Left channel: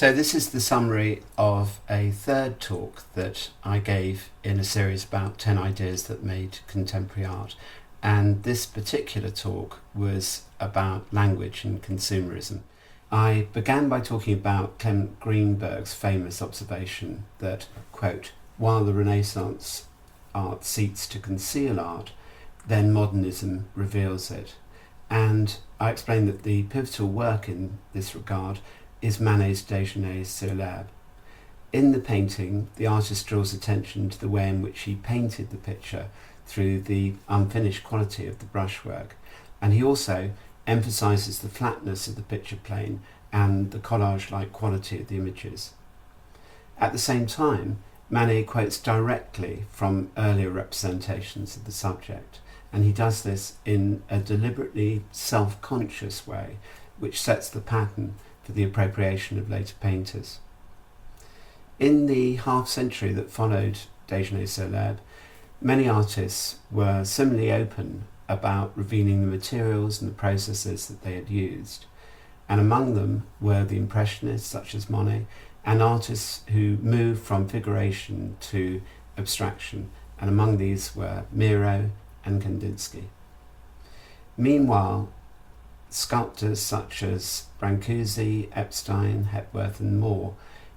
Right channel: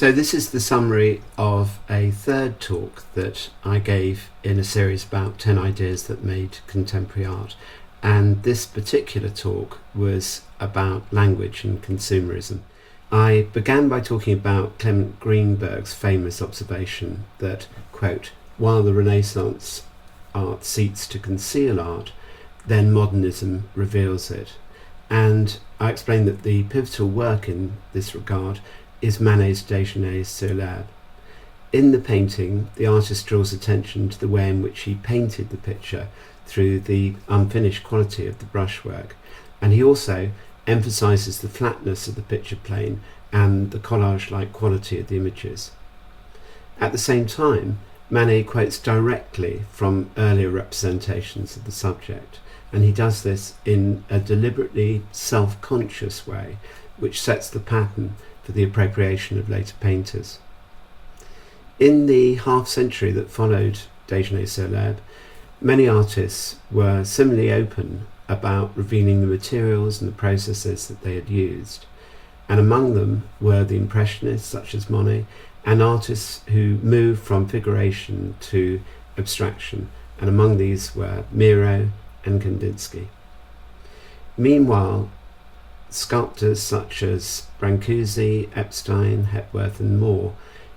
So this is the summary of a third talk that I gave in a series about 10 ideas that made contemporary art. And this particular talk was about language and consumerism. I began by talking about Clement Greenberg's famous observation that, quote, while the Renaissance art seeks to conceal art, then modernism reveals it. And I explained that the pivotal work in this regard is Manet's Déjeuner sur l'herbe. In the painting, the artist draws attention to the way in which he painted the picture through the unfinished quality of the brushwork, and he also emphasises the flatness of the picture plane and the collage-like quality of the images. At the same time, Manet quotes directly from earlier representations of the subject, and he does this in a deliberately self-conscious way, which sets the pattern for the appropriation of later painters. In the half-century that followed Déjeuner sur l'herbe, many artists were similarly open about revealing the materials and the processes that they had used, and among them were the Impressionists such as Monet, and artists who moved from figuration to abstraction, and among these were Miro and Kandinsky. Meanwhile, sculptors such as Brancusi, Epstein, Hepworth and Moore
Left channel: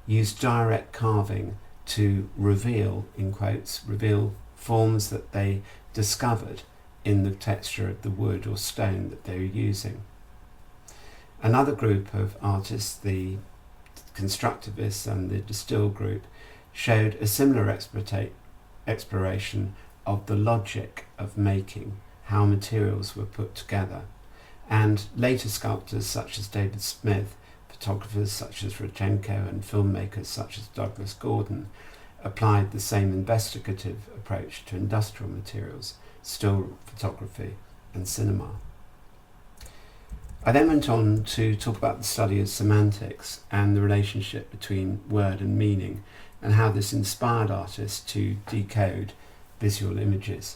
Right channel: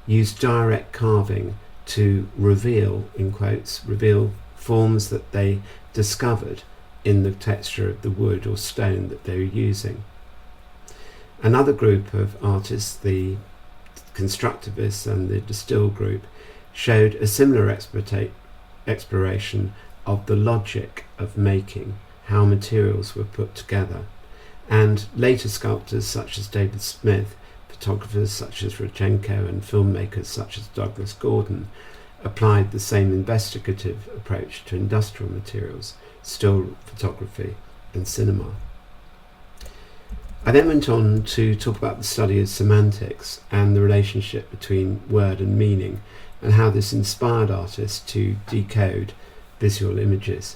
used direct carving to reveal, in quotes, reveal forms that they discovered in the texture of the wood or stone that they were using. Another group of artists, the Constructivists and the De Stijl group, showed a similar exploration of the logic of making, how materials were put together. And later sculptors such as David Smith, photographers such as Rodchenko and filmmakers such as Douglas Gordon applied the same investigative approach to industrial materials, still photography and cinema. I then went on to talk about the study of semantics and the relationship between word and meaning, and how this inspired artists to decode visual images.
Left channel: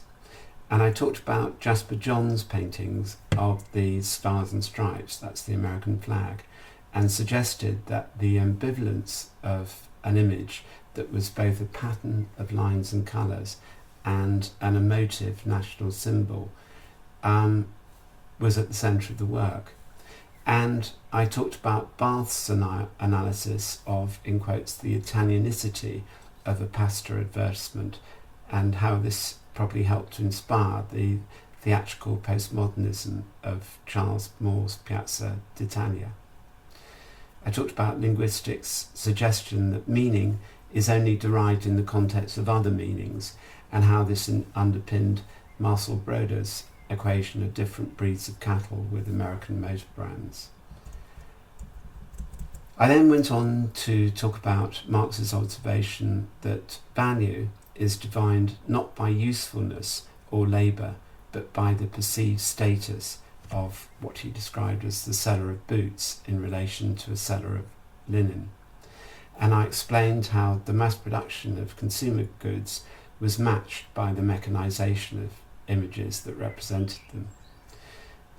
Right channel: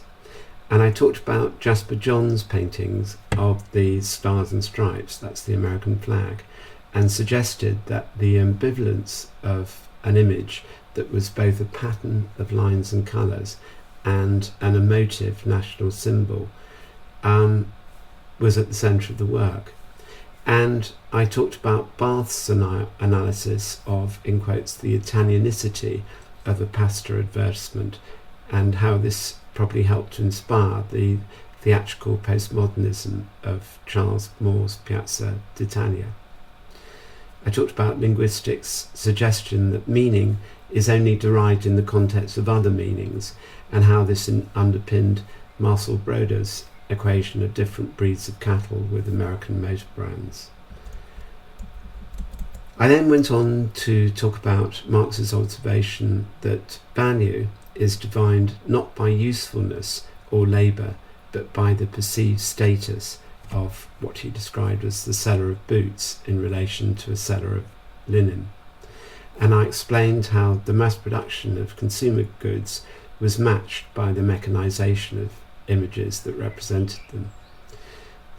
And I talked about Jasper Johns' paintings of the Stars and Stripes, that's the American flag, and suggested that the ambivalence of an image that was both a pattern of lines and colours and an emotive national symbol was at the centre of the work. And I talked about Barth's analysis of, in quotes, the Italianicity of a pasta advertisement, and how this probably helped to inspire the theatrical postmodernism of Charles Moore's Piazza d'Italia. I talked about linguistics' suggestion that meaning is only derived in the context of other meanings, and how this underpinned Marcel Broda's equation of different breeds of cattle with American motor brands. I then went on to talk about Marx's observation that value is defined not by usefulness or labour, but by the perceived status of what he described as the seller of boots in relation to a seller of linen. And I explained how the mass production of consumer goods was matched by the mechanisation of images that represented them.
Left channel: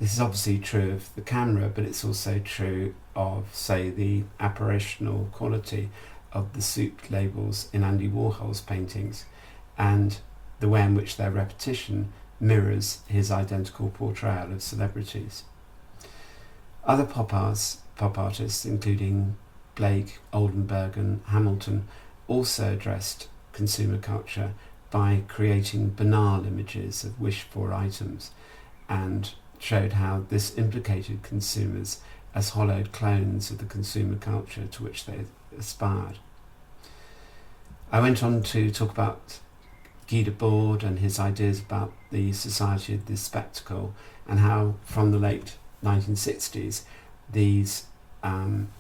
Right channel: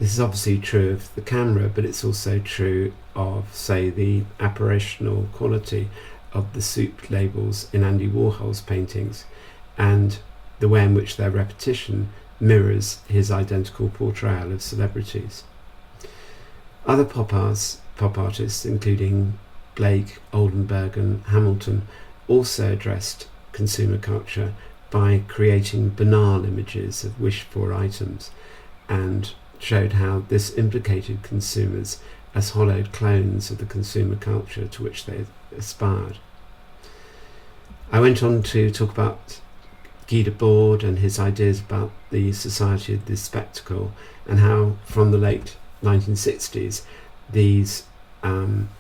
This is obviously true of the camera, but it's also true of, say, the apparitional quality of the soup labels in Andy Warhol's paintings, and the way in which their repetition mirrors his identical portrayal of celebrities. Other pop artists, including Blake, Oldenburg and Hamilton, also addressed consumer culture by creating banal images of wished-for items, and showed how this implicated consumers as hollowed clones of the consumer culture to which they aspired. I went on to talk about Guy Debord and his ideas about the society of the spectacle, and how from the late 1960s these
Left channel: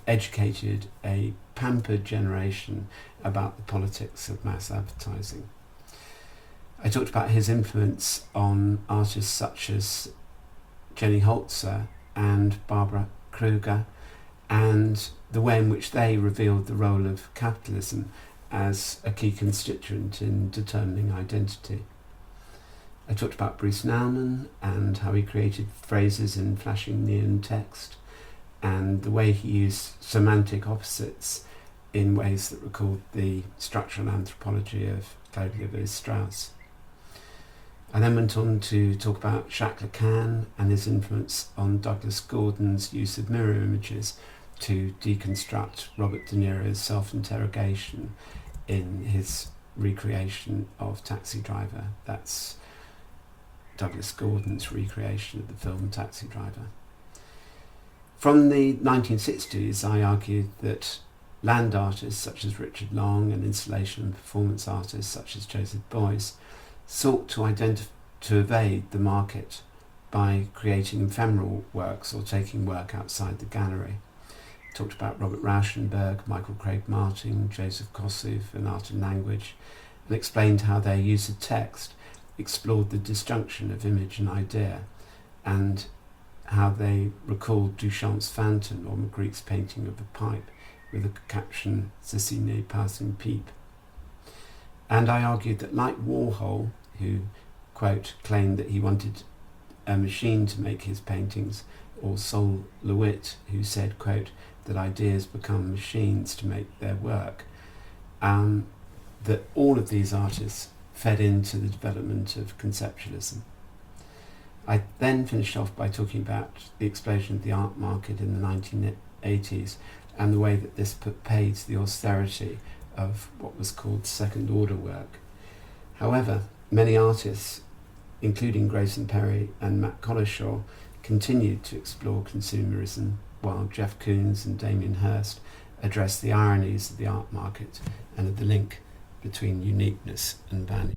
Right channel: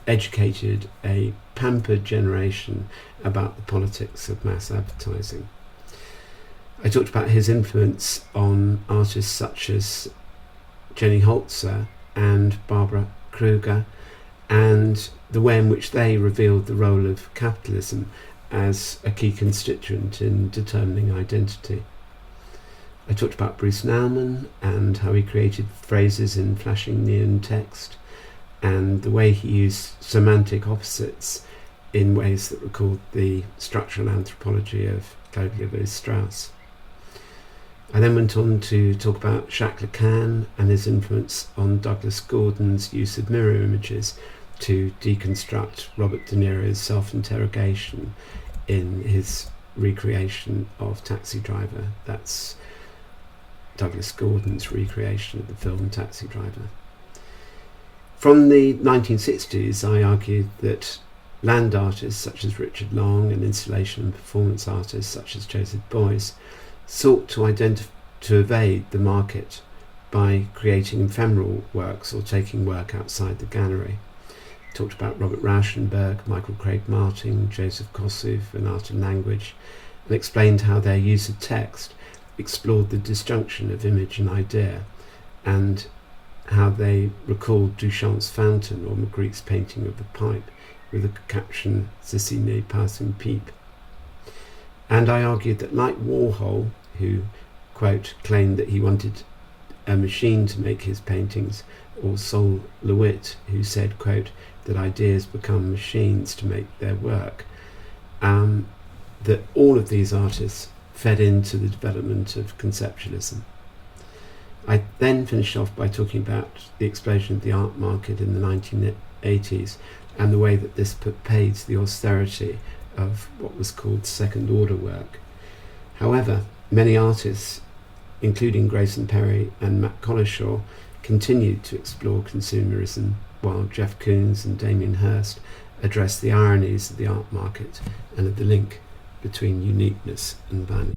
educated a pampered generation about the politics of mass advertising. I talked about his influence on artists such as Jenny Holzer and Barbara Kruger, and the way in which they revealed the role of capitalism as a key constituent in determining identity. I talked about Bruce Nauman and how he created phrases in flashing neon text, and the way he used semantic opposites in ways that recalled the structural anthropology of Claude Lévi-Strauss. I then went on to talk about Jacques Lacan and his influence on Douglas Gordon's use of mirror images to deconstruct Robert De Niro's self-interrogation in his recreation of Taxi Driver. That's Douglas Gordon's recreation of the film Taxi Driver. From the 1960s, I argued that land artists such as Richard Long and installation and performance artists such as Joseph Beuys sought to evade the market by creating ephemeral works or taking work outside the gallery. Talked about Robert Rauschenberg, Michael Craig Martin, Joseph Kosuth and Art and Language, and explained how their use of text explored the disjunction of image and idea, and how they recalled Duchamp's Fountain or Magritte's painting of the pipe with the caption "Ceci n'est pas une pipe." And I argued that, like Warhol, who, quote, claimed that he wanted a machine to make his paintings, or Sol LeWitt, who said, quote, that ideas become machines to make their work, that all of these artists fed into the development of conceptualism. I then finished off by talking about the explosion of the art market in the 1980s and the way that this put paid to the austerity of what was called second order work. However, many artists, including Grayson Perry and Matt Collishaw, continued to explore consumerism, while Jeff Koons and Damien Hirst addressed the ironies of the art market and of the link between uniqueness and value.